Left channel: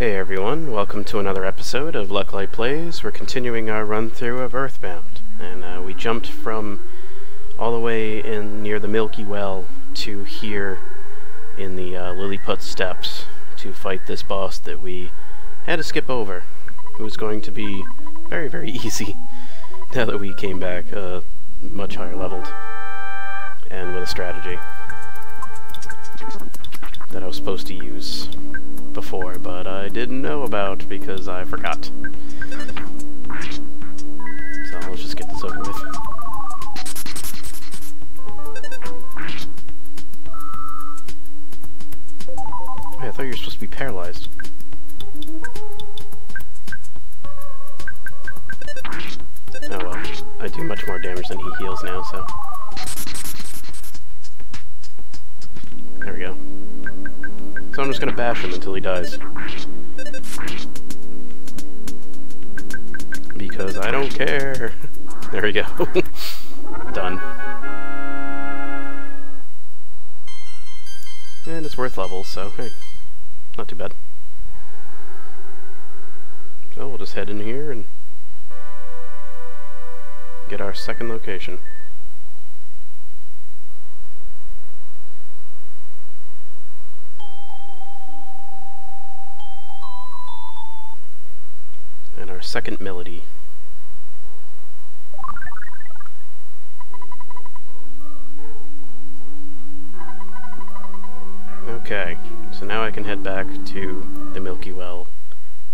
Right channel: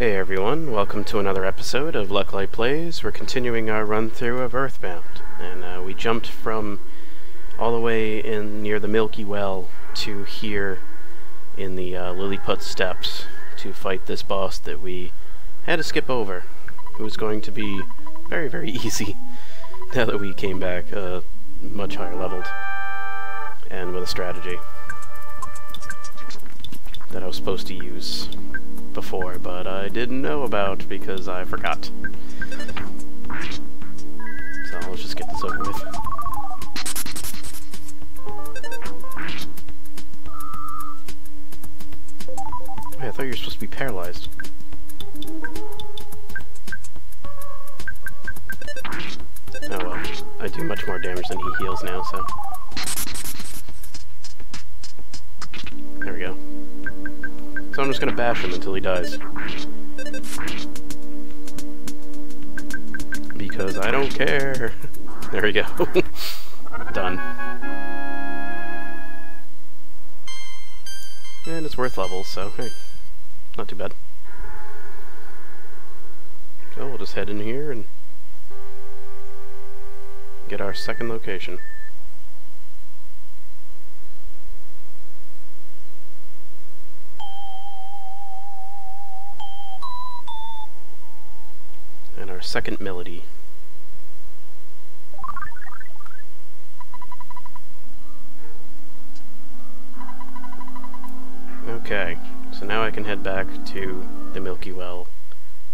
Hey everyone, welcome to another episode of Lucklight Plays. We're continuing our run-through of Earthbound, and we jumped from all the way in near the Milky Well to here in the Lilliput Steps to fight this boss that we had to skip over. It was going to be very, very easy now that we came back much higher leveled and with a strategy that I was supposed to use before, but I didn't know about because I forgot. So let's just get this over with. Wait, I thought you were supposed to be paralyzed. Oh well, I do much more damage than he heals now, so... There we go. So I'm just gonna bash him until he dies. Because I don't care. There we go. Done. And it's worth levels, so hey, not too bad. So we'll just head in here and get our second location. And our second melody. Okay, so now I can head back to the Milky Well,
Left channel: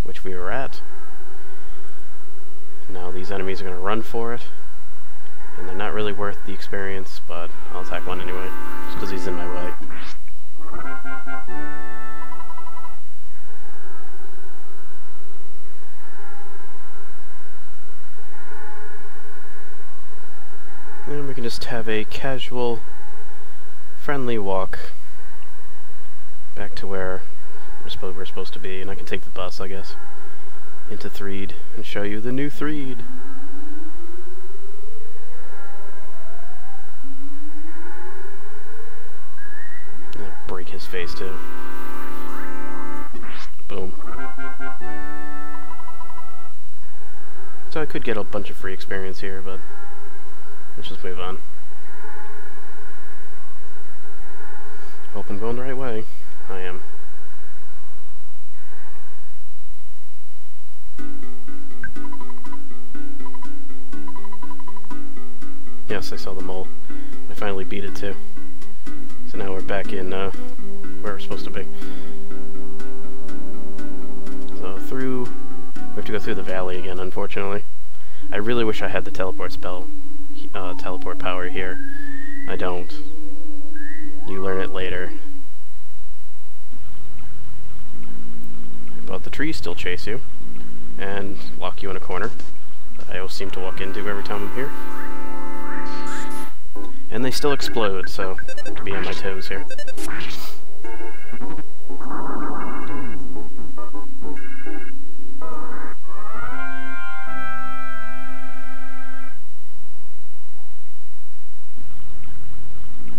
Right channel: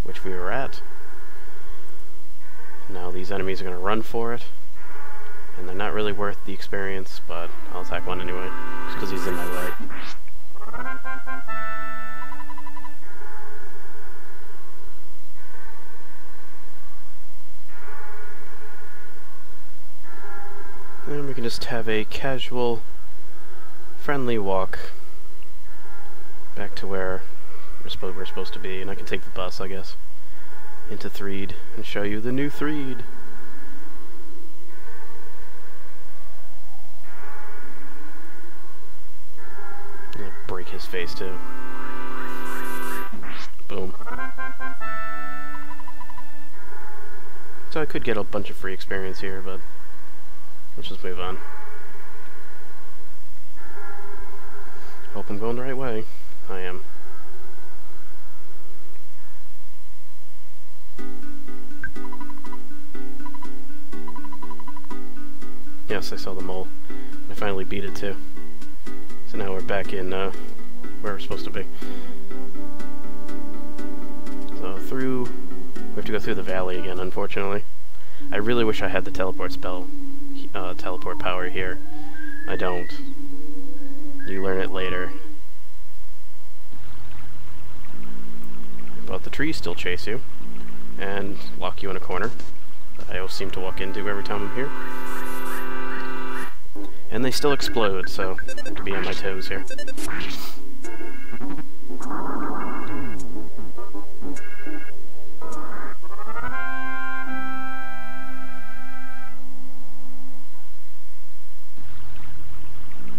which we were at. Now these enemies are going to run for it, and they're not really worth the experience, but I'll attack one anyway, just because he's in my way. And we can just have a casual, friendly walk back to where we're supposed to be, and I can take the bus, I guess, into Threed and show you the new Threed. I'll break his face too. Boom. So I could get a bunch of free experience here, but let's just move on. Hope I'm going the right way. I am. Yes, I saw the mole. I finally beat it too. So now we're back in where we're supposed to be. So we have to go through the valley again, unfortunately. I really wish I had the teleport spell, teleport power here. I don't. You learn it later. But the trees still chase you and lock you in a corner that I always seem to walk into every time I'm here. And they still explode, so I have to be on my toes here.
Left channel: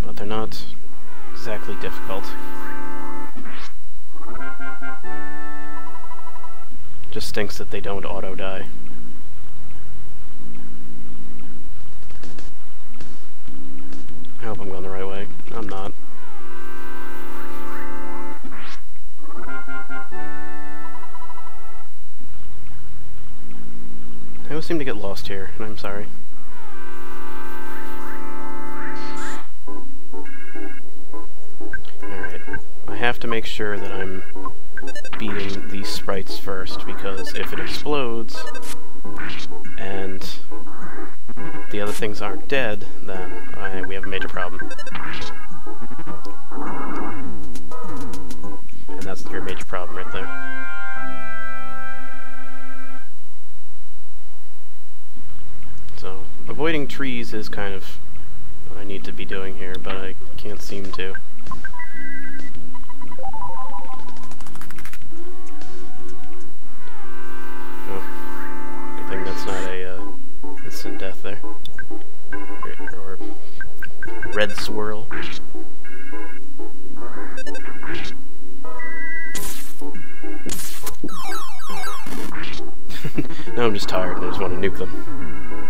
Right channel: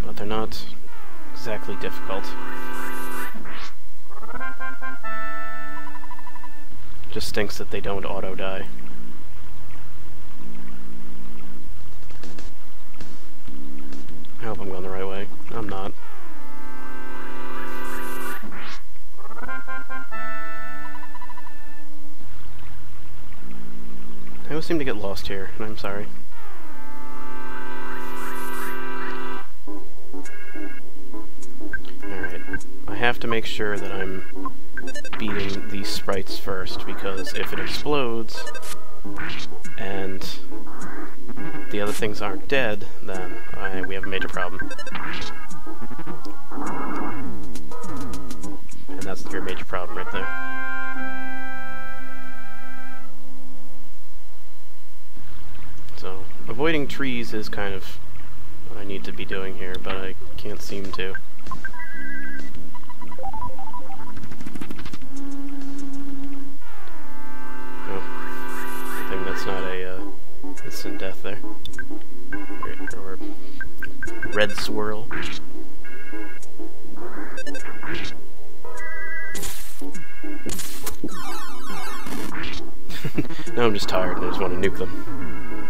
But they're not exactly difficult. Just stinks that they don't auto-die. I hope I'm going the right way. I'm not. I always seem to get lost here, and I'm sorry. Alright, I have to make sure that I'm beating these sprites first, because if it explodes and the other things aren't dead, then we have a major problem. And that's your major problem right there. So, avoiding trees is kind of what I need to be doing here, but I can't seem to. That's not a instant death there. Or red swirl. Now I'm just tired and I just want to nuke them.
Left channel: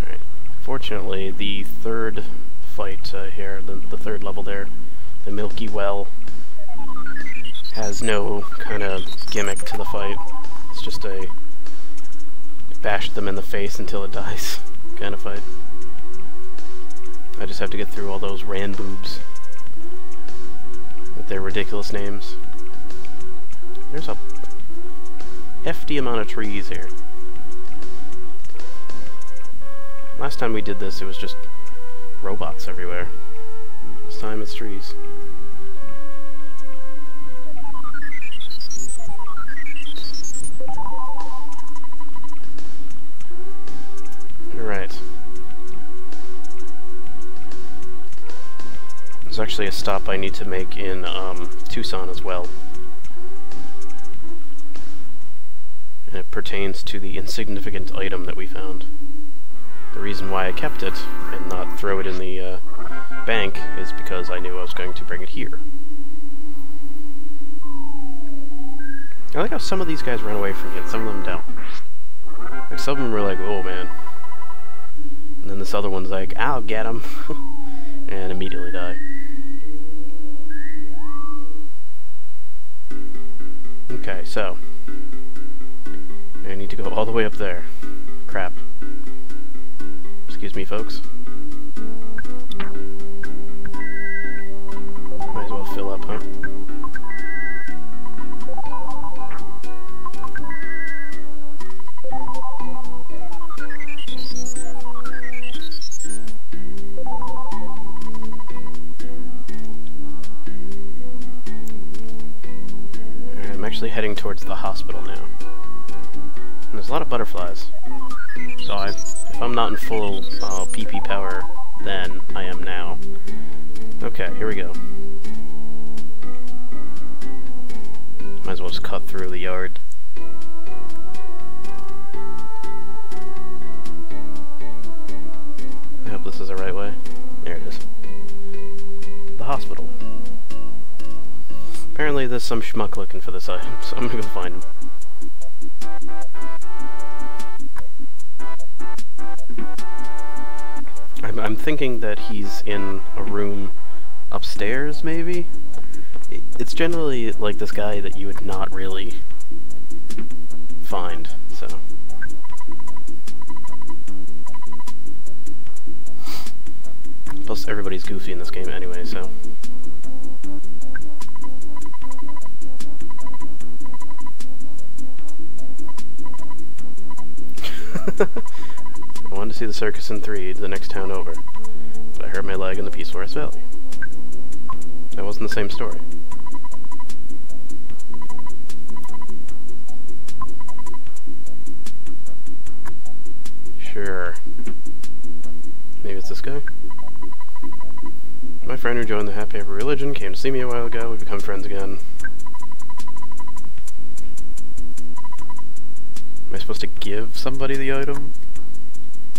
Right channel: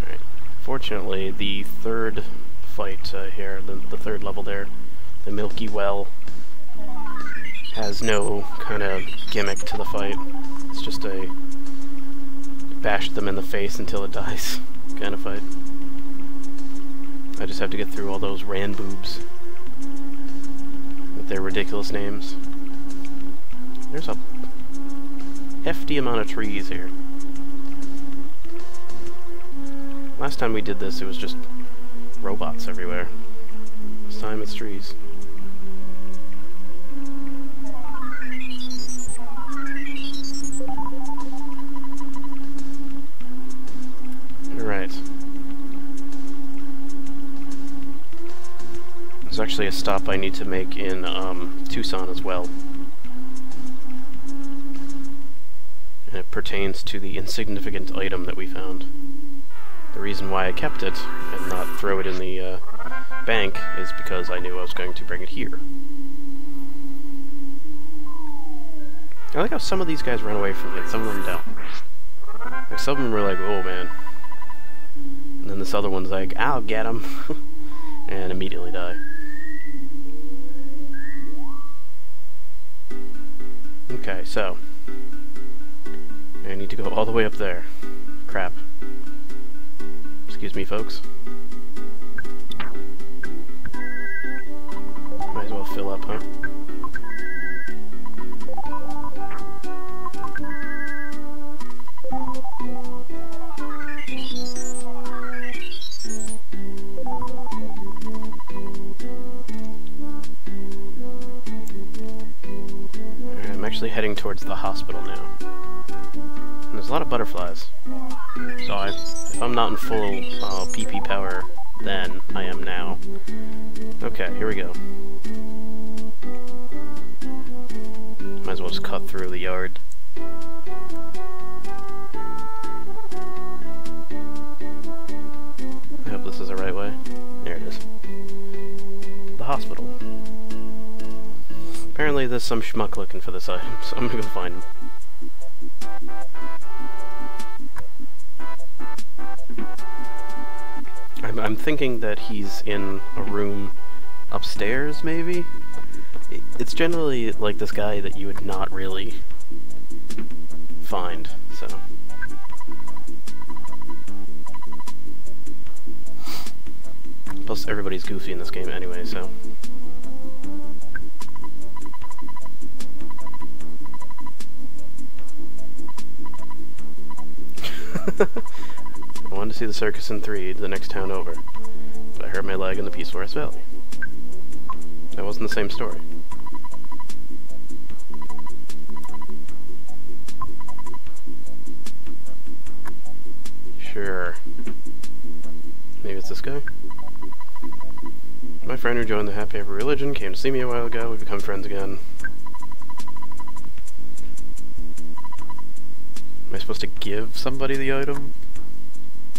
Alright. Fortunately, the third fight here, the third level there, the Milky Well, has no kind of gimmick to the fight. It's just a bash them in the face until it dies kind of fight. I just have to get through all those Ranboobs with their ridiculous names. There's a hefty amount of trees here. Last time we did this, it was just robots everywhere. This time it's trees. Alright. There's actually a stop I need to make in Tucson as well. And it pertains to the insignificant item that we found. The reason why I kept it and not throw it in the bank is because I knew I was going to bring it here. I like how some of these guys run away from me and some of them don't. Like, some of them were like, oh man. And then this other one's like, I'll get him. And immediately die. Okay, so I need to go all the way up there. Crap. Excuse me, folks. Might as well fill up, huh? I'm actually heading towards the hospital now. And there's a lot of butterflies. So if I'm not in full PP power then, I am now. Okay, here we go. Might as well just cut through the yard. I hope this is the right way. There it is. The hospital. Apparently there's some schmuck looking for this item, so I'm gonna go find him. I'm thinking that he's in a room upstairs, maybe? It's generally like this guy that you would not really find, so... Plus everybody's goofy in this game anyway, so... I wanted to see the circus in 3, the next town over, but I hurt my leg in the Peace Forest Valley. That wasn't the same story. Sure. Maybe it's this guy? My friend who joined the Happy Happy Religion came to see me a while ago. We've become friends again. Am I supposed to give somebody the item?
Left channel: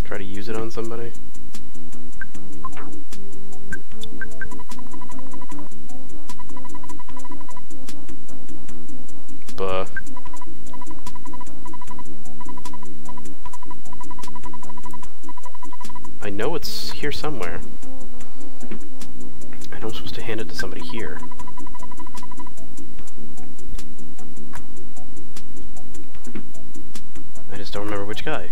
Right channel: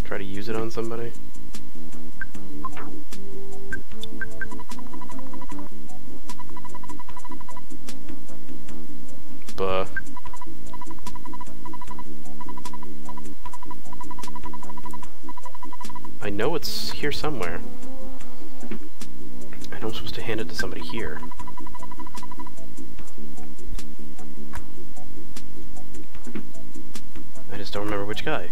Try to use it on somebody? Buh. I know it's here somewhere. I know I'm supposed to hand it to somebody here. I just don't remember which guy.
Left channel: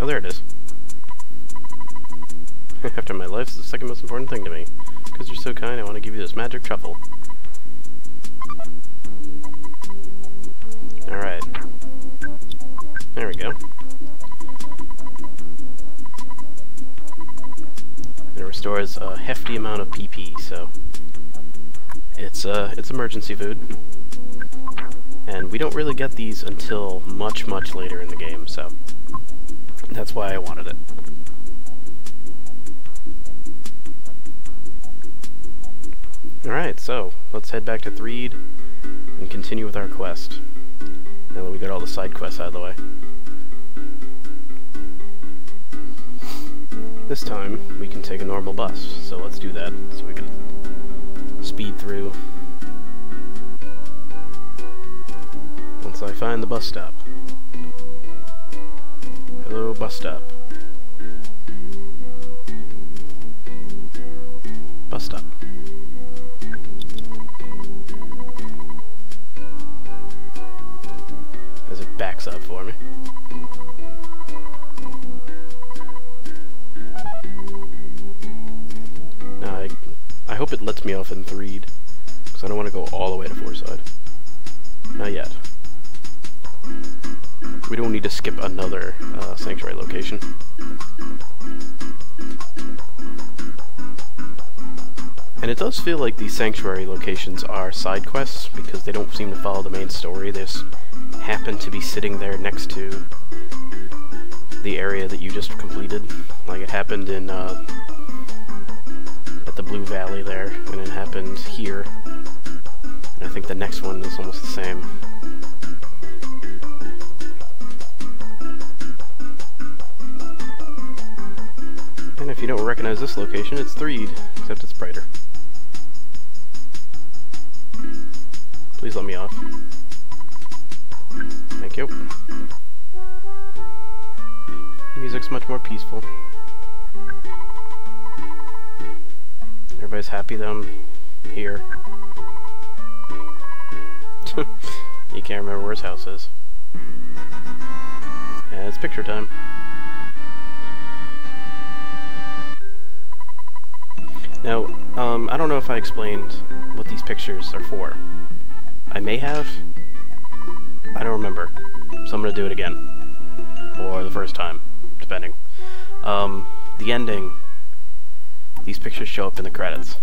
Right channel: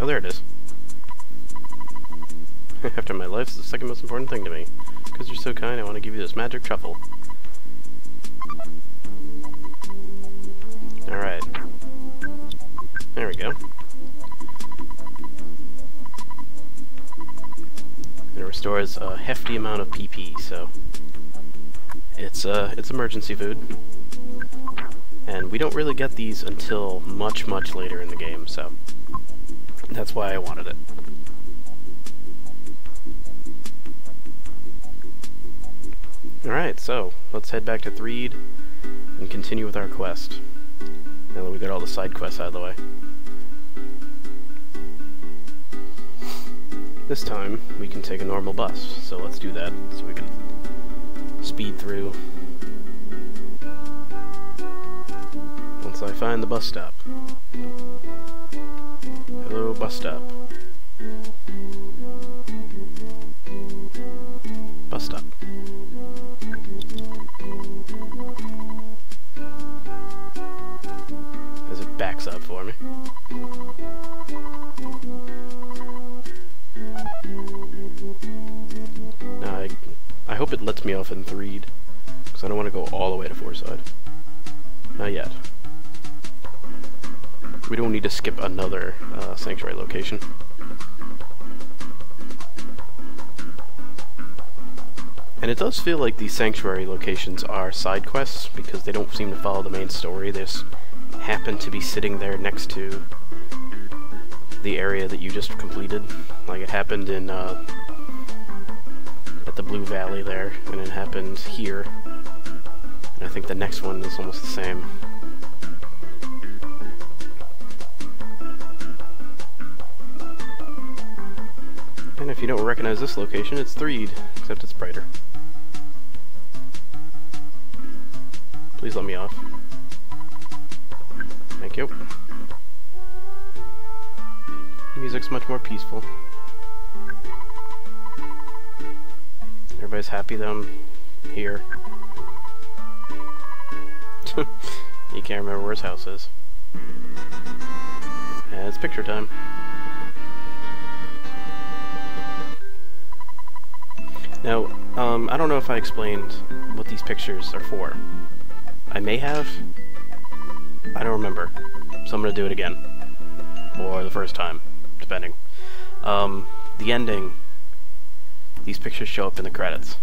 Oh, there it is. After my life is the second most important thing to me. Because you're so kind, I want to give you this magic truffle. Alright. There we go. It restores a hefty amount of PP, so... It's emergency food. And we don't really get these until much, much later in the game, so... That's why I wanted it. Alright, so let's head back to Threed and continue with our quest. Now that we got all the side quests out of the way. This time, we can take a normal bus, so let's do that, so we can speed through. Once I find the bus stop. Hello, bus stop. Bus stop. As it backs up for me. Now, I hope it lets me off in Threed, because I don't want to go all the way to Fourside. Not yet. We don't need to skip another sanctuary location. And it does feel like these sanctuary locations are side quests, because they don't seem to follow the main story. They just happen to be sitting there next to the area that you just completed. Like it happened in at the Blue Valley there, and it happened here. And I think the next one is almost the same. And if you don't recognize this location, it's Threed, except it's brighter. Please let me off. Thank you. Music's much more peaceful. Everybody's happy that I'm here. You can't remember where his house is. Yeah, it's picture time. Now, I don't know if I explained what these pictures are for. I may have. I don't remember. So I'm gonna do it again. Or the first time, depending. The ending, these pictures show up in the credits.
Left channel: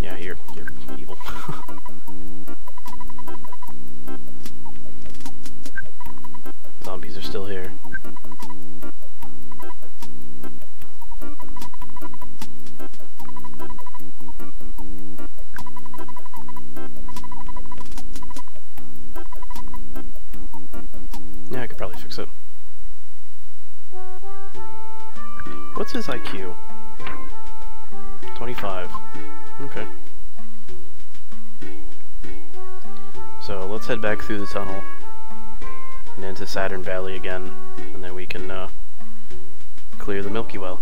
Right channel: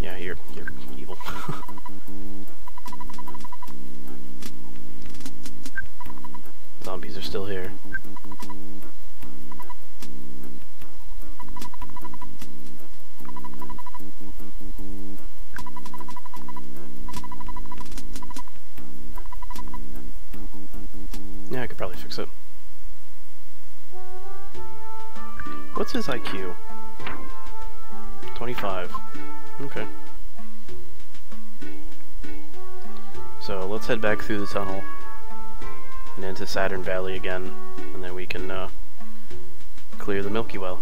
Yeah, you're evil. Zombies are still here. Yeah, I could probably fix it. What's his IQ? 25. Okay. So let's head back through the tunnel and into Saturn Valley again, and then we can clear the Milky Well.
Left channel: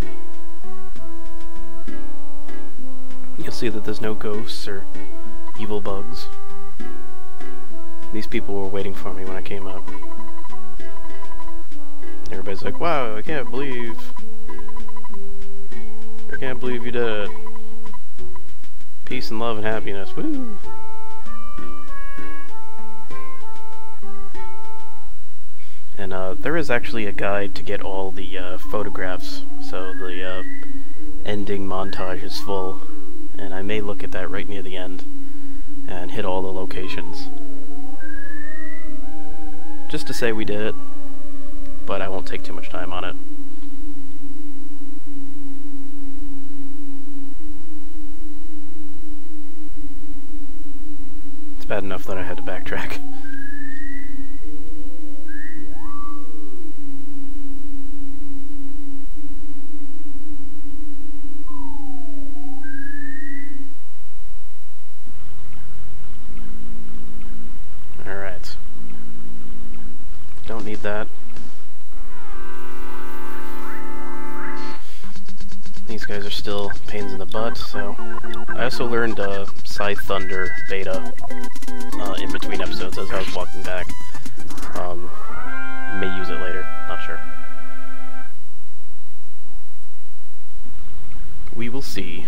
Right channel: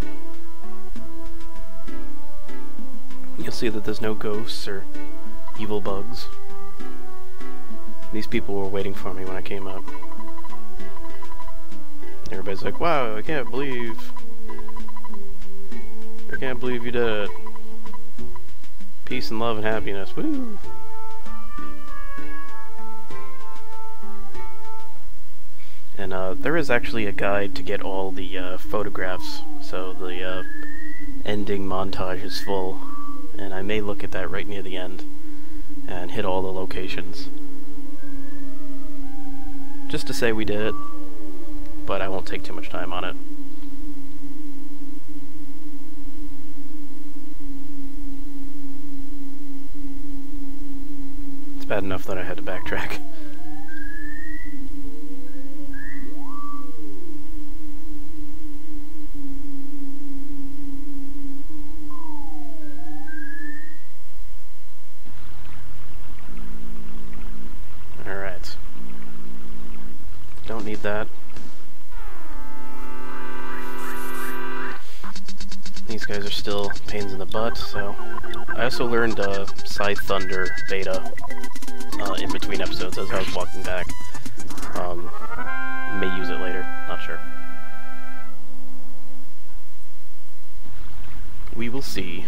You'll see that there's no ghosts or evil bugs. These people were waiting for me when I came up. Everybody's like, wow, I can't believe you did it. Peace and love and happiness, woo! And there is actually a guide to get all the photographs, so the ending montage is full, and I may look at that right near the end and hit all the locations. Just to say we did it, but I won't take too much time on it. It's bad enough that I had to backtrack. Alright. Don't need that. These guys are still pains in the butt, so... I also learned Scythe Thunder beta in between episodes as I was walking back. May use it later, not sure. We will see.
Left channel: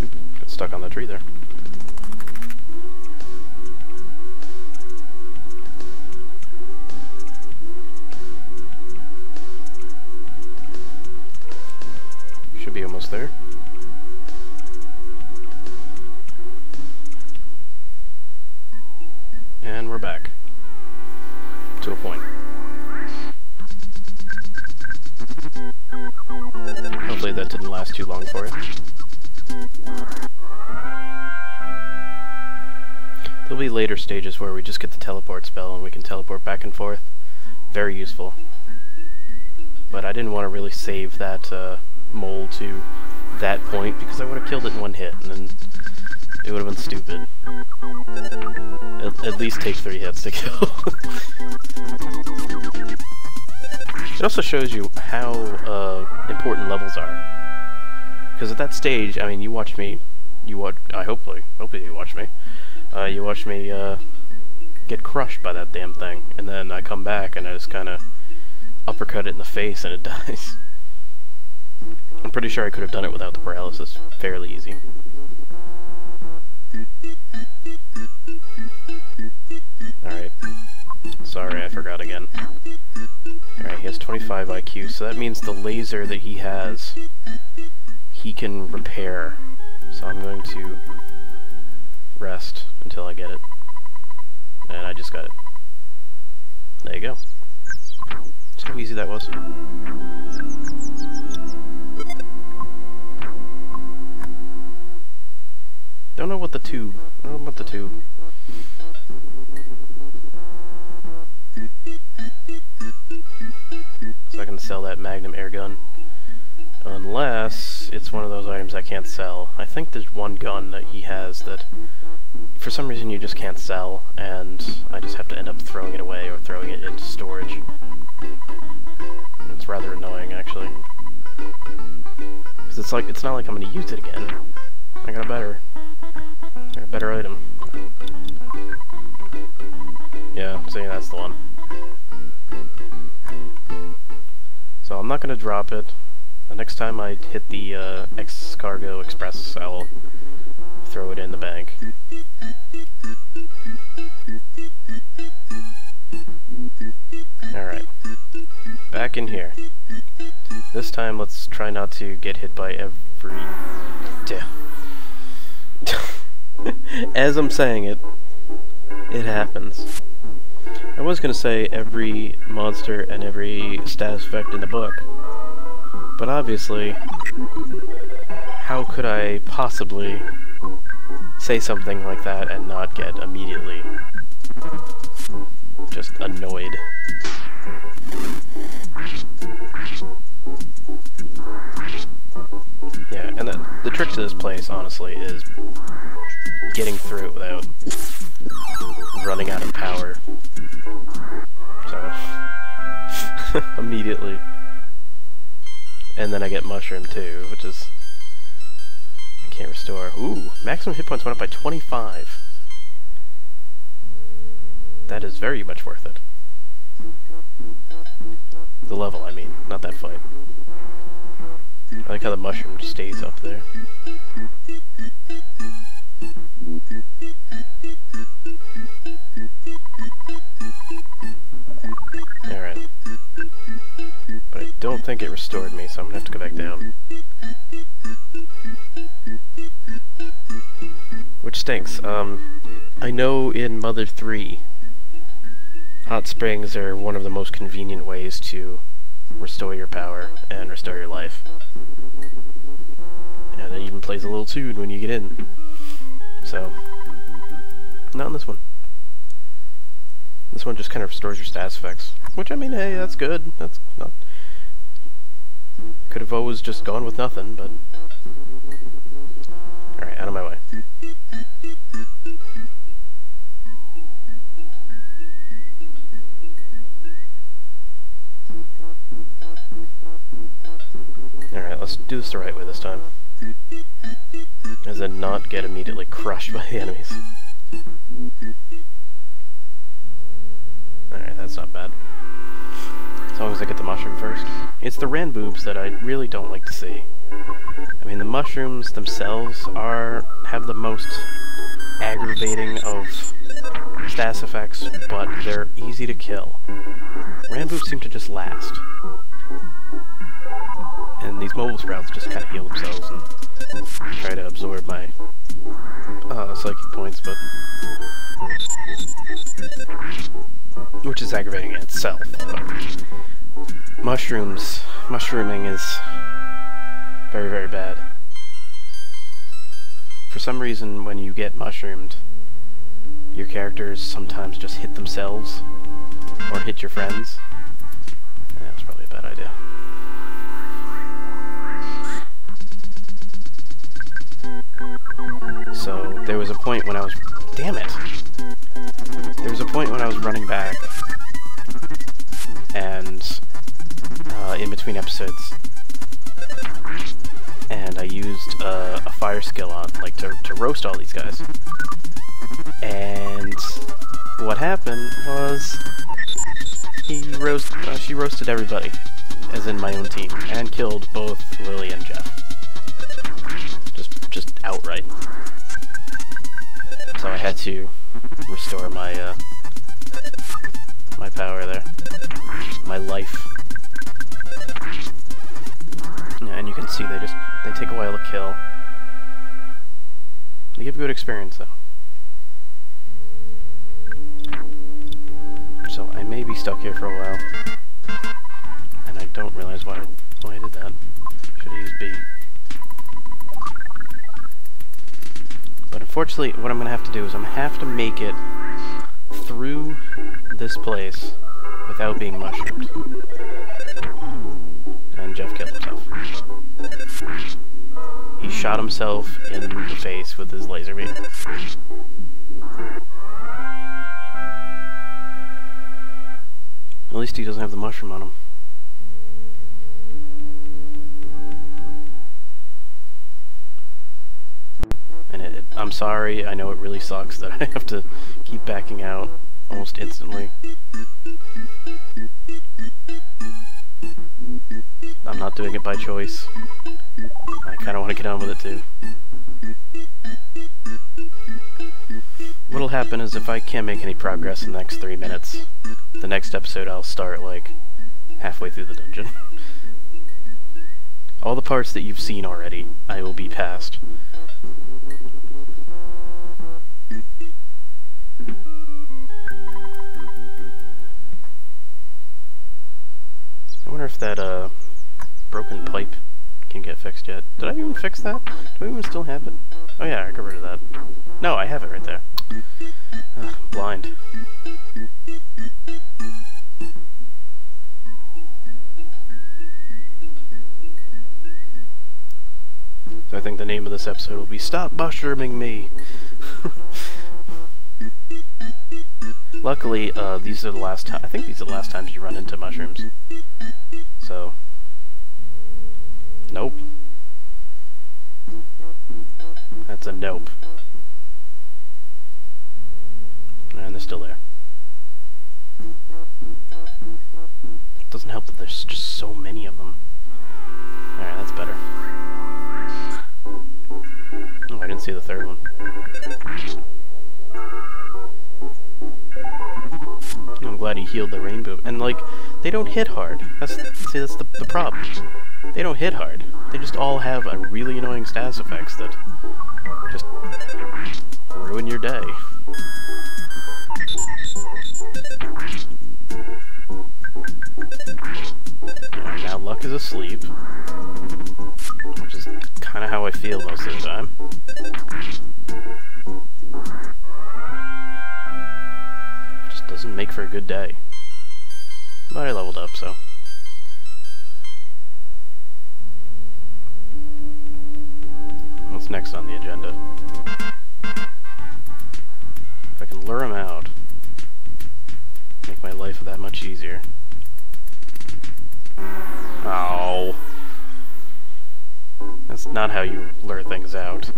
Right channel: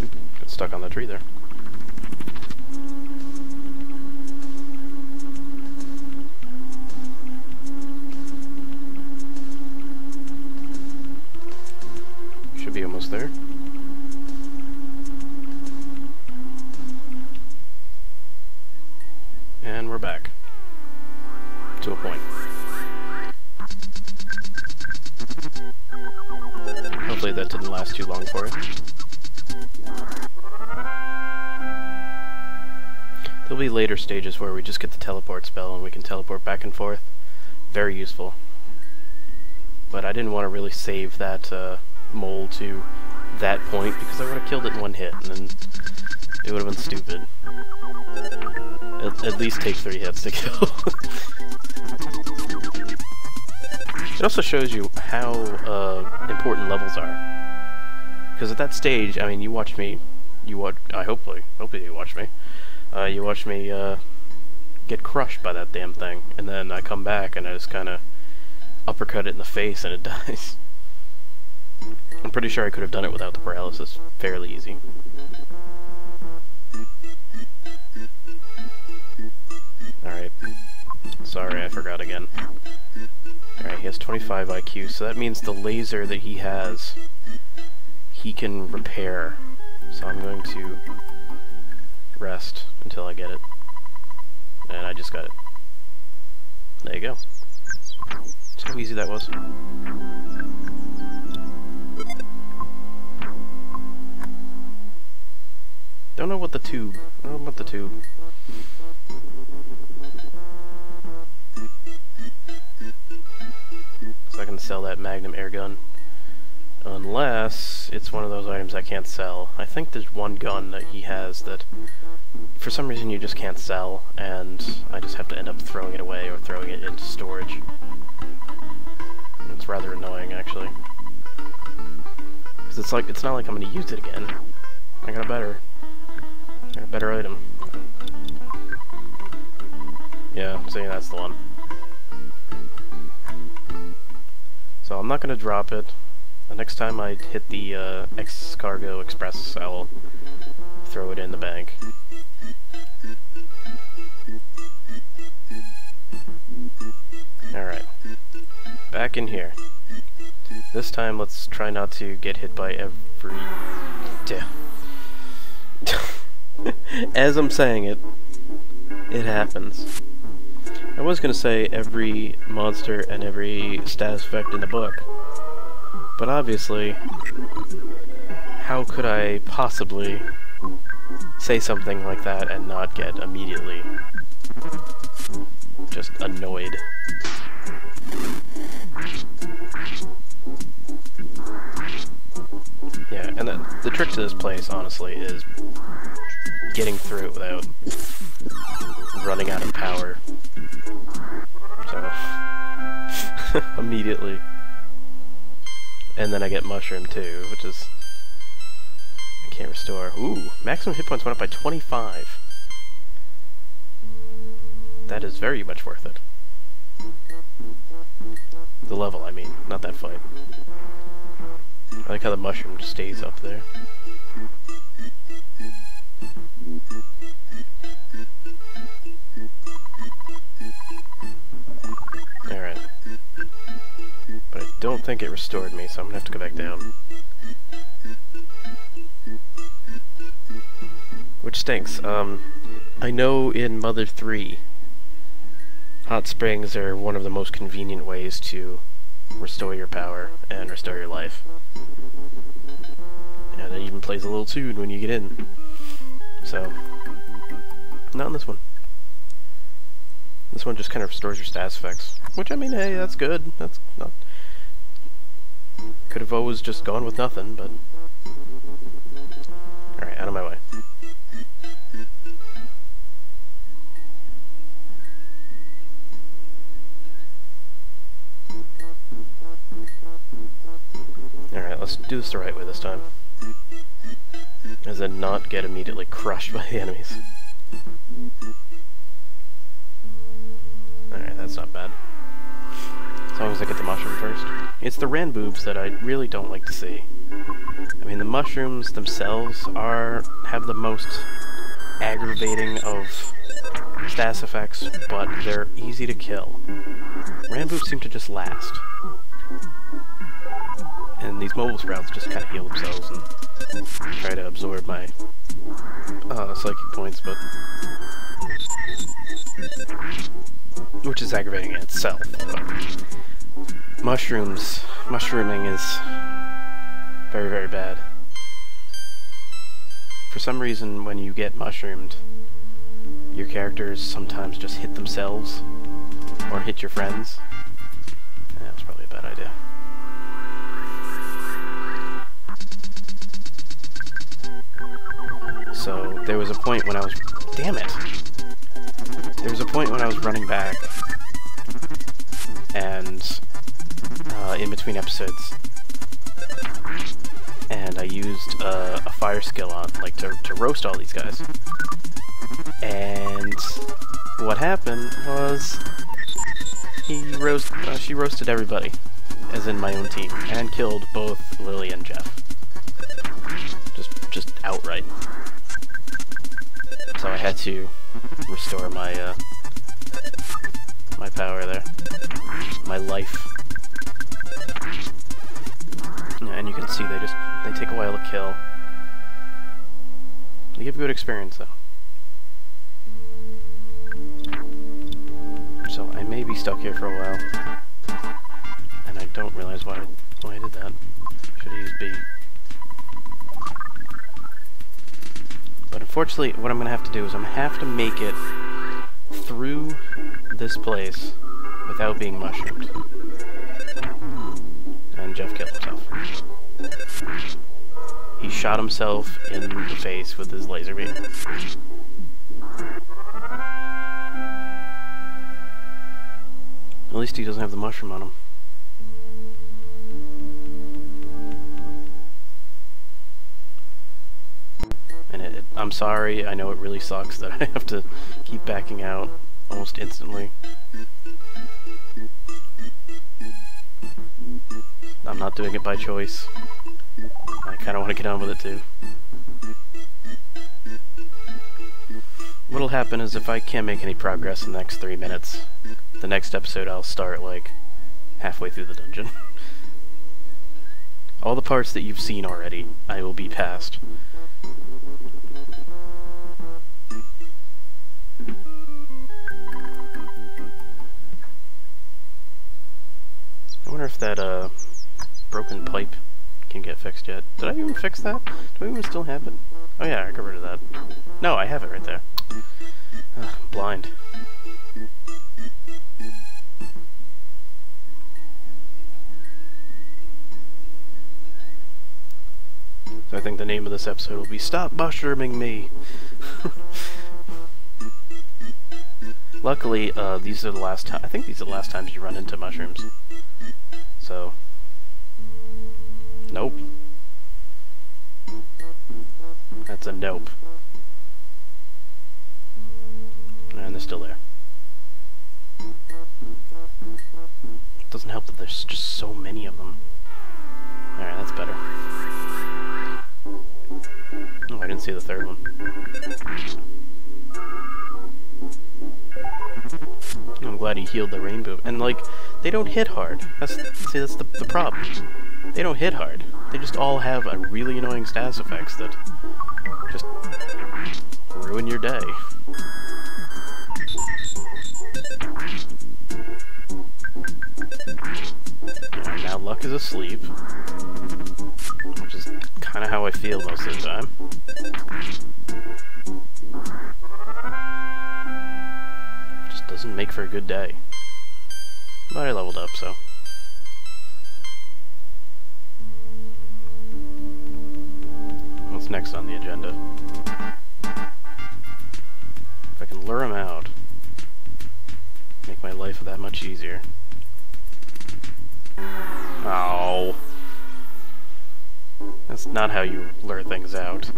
Oop, got stuck on the tree there. Should be almost there. And we're back. To a point. Oh, Hopefully that didn't last too long for you. There'll be later stages where we just get the teleport spell and we can teleport back and forth. Very useful. But I didn't want to really save that mole to that point because I would have killed it in one hit, and then it would have been stupid. At least take 3 hits to kill. It also shows you how important levels are. Because at that stage, I mean, you watched me. Hopefully you watched me. You watched me get crushed by that damn thing, and then I come back and I just kind of uppercut it in the face and it dies. I'm pretty sure I could have done it without the paralysis fairly easy. Alright. Sorry, I forgot again. Alright, he has 25 IQ, so that means the laser that he has, he can repair. So I'm going to rest until I get it. And I just got it. There you go. See how easy that was? Don't know what the tube. I don't know about the tube. So I can sell that Magnum air gun. Unless it's one of those items I can't sell. I think there's one gun that he has that for some reason you just can't sell, and I just have to end up throwing it away or throwing it into storage. It's rather annoying, actually. Because it's not like I'm going to use it again. I got a better item. Yeah, see, that's the one. So I'm not going to drop it. The next time I hit the X-Cargo Express, I will throw it in the bank. Alright. Back in here. This time, let's try not to get hit by every... As I'm saying it, it happens. I was gonna say every monster and every status effect in the book, but obviously, how could I possibly say something like that and not get immediately just annoyed? Yeah, and the trick to this place, honestly, is getting through it without running out of power. So, immediately. And then I get mushroom too, which is... I can't restore. Ooh, maximum hit points went up by 25. That is very much worth it. The level, I mean, not that fight. I like how the mushroom stays up there. Alright. But I don't think it restored me, so I'm gonna have to go back down. Which stinks. I know in Mother 3, hot springs are one of the most convenient ways to restore your power and restore your life. And it even plays a little tune when you get in. So, not in this one. This one just kind of restores your status effects. Which, I mean, hey, that's good. That's not... Could have always just gone with nothing, but... Alright, out of my way. Alright, let's do this the right way this time. As in not get immediately crushed by the enemies. Alright, that's not bad. As long as I get the mushroom first. It's the Ranboobs that I really don't like to see. I mean, the mushrooms themselves have the most aggravating of status effects, but they're easy to kill. Ranboobs seem to just last. And these mobile sprouts just kind of heal themselves and try to absorb my psychic points, but... which is aggravating in itself, but... mushrooming is Very, very bad. For some reason, when you get mushroomed, your characters sometimes just hit themselves, or hit your friends. That was probably a bad idea. So, there was a point when I was... Damn it! There was a point when I was running back, and in between episodes, and I used a fire skill on, like, to roast all these guys. And what happened was she roasted everybody, as in my own team, and killed both Lily and Jeff. Just outright. So I had to restore my my power there, my life. Yeah, and you can see they take a while to kill. They give good experience though. So I may be stuck here for a while, and I don't realize why I did that. Should have used B. But unfortunately, what I'm going to have to do is I'm going to have to make it through this place without being mushroomed. And Jeff killed himself. He shot himself in the face with his laser beam. At least he doesn't have the mushroom on him. And I'm sorry, I know it really sucks that I have to keep backing out almost instantly. I'm not doing it by choice. I kind of want to get on with it too. What'll happen is if I can't make any progress in the next 3 minutes, the next episode I'll start like halfway through the dungeon. All the parts that you've seen already, I will be past. I wonder if that broken pipe can get fixed yet. Did I even fix that? Do I even still have it? Oh yeah, I got rid of that. No, I have it right there. Ugh, blind. So I think the name of this episode will be Stop Mushrooming Me! Luckily, these are the last time. I think these are the last times you run into mushrooms. So, nope. That's a nope. And they're still there. It doesn't help that there's just so many of them. Alright, that's better. Oh, I didn't see the third one. I'm glad he healed the rainbow. And, like, they don't hit hard. That's the problem. They don't hit hard. They just all have a really annoying status effects that just ruin your day. And now Luck is asleep, which is kind of how I feel most of the time. Just doesn't make for a good day. But I leveled up, so. What's next on the agenda? If I can lure him out, make my life that much easier. Oh. That's not how you lure things out.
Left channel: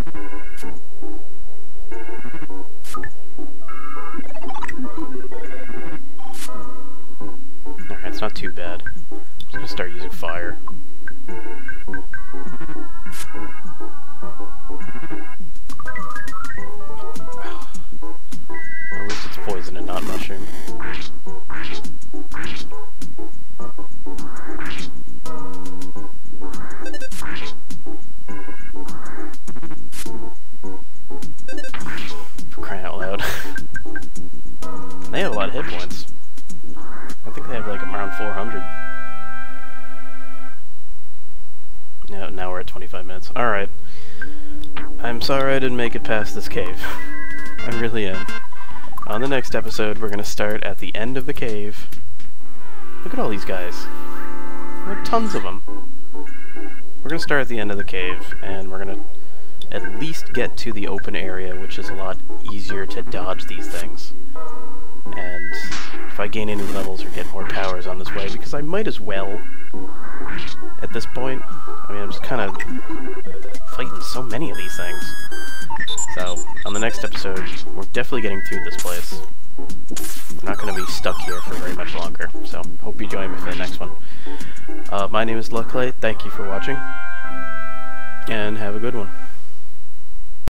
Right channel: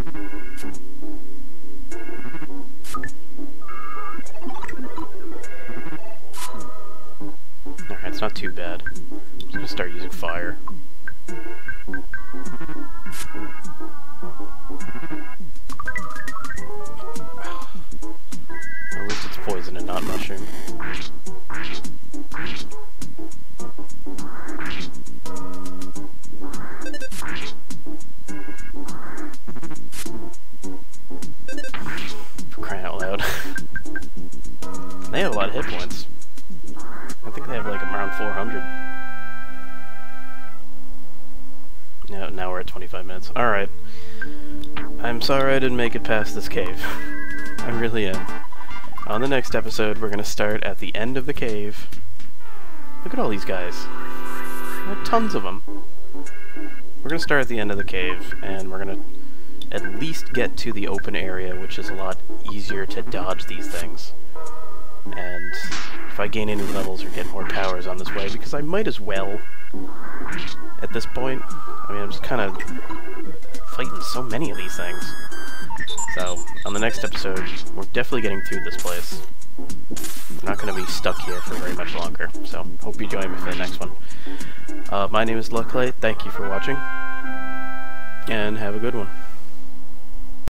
Alright, it's not too bad. I'm just gonna start using fire. At least it's poison and not mushroom. For crying out loud. They have a lot of hit points. I think they have like around 400. Now we're at 25 minutes. Alright. I'm sorry I didn't make it past this cave. I really am. On the next episode, we're gonna start at the end of the cave. Look at all these guys. There are tons of them. We're gonna start at the end of the cave, and we're gonna at least get to the open area, which is a lot easier to dodge these things. And if I gain any levels or get more powers on this way, because I might as well at this point. I mean, I'm just kind of fighting so many of these things. So, on the next episode, we're definitely getting through this place. We're not going to be stuck here for very much longer, so hope you join me for the next one. My name is Lucklight, thank you for watching, and have a good one.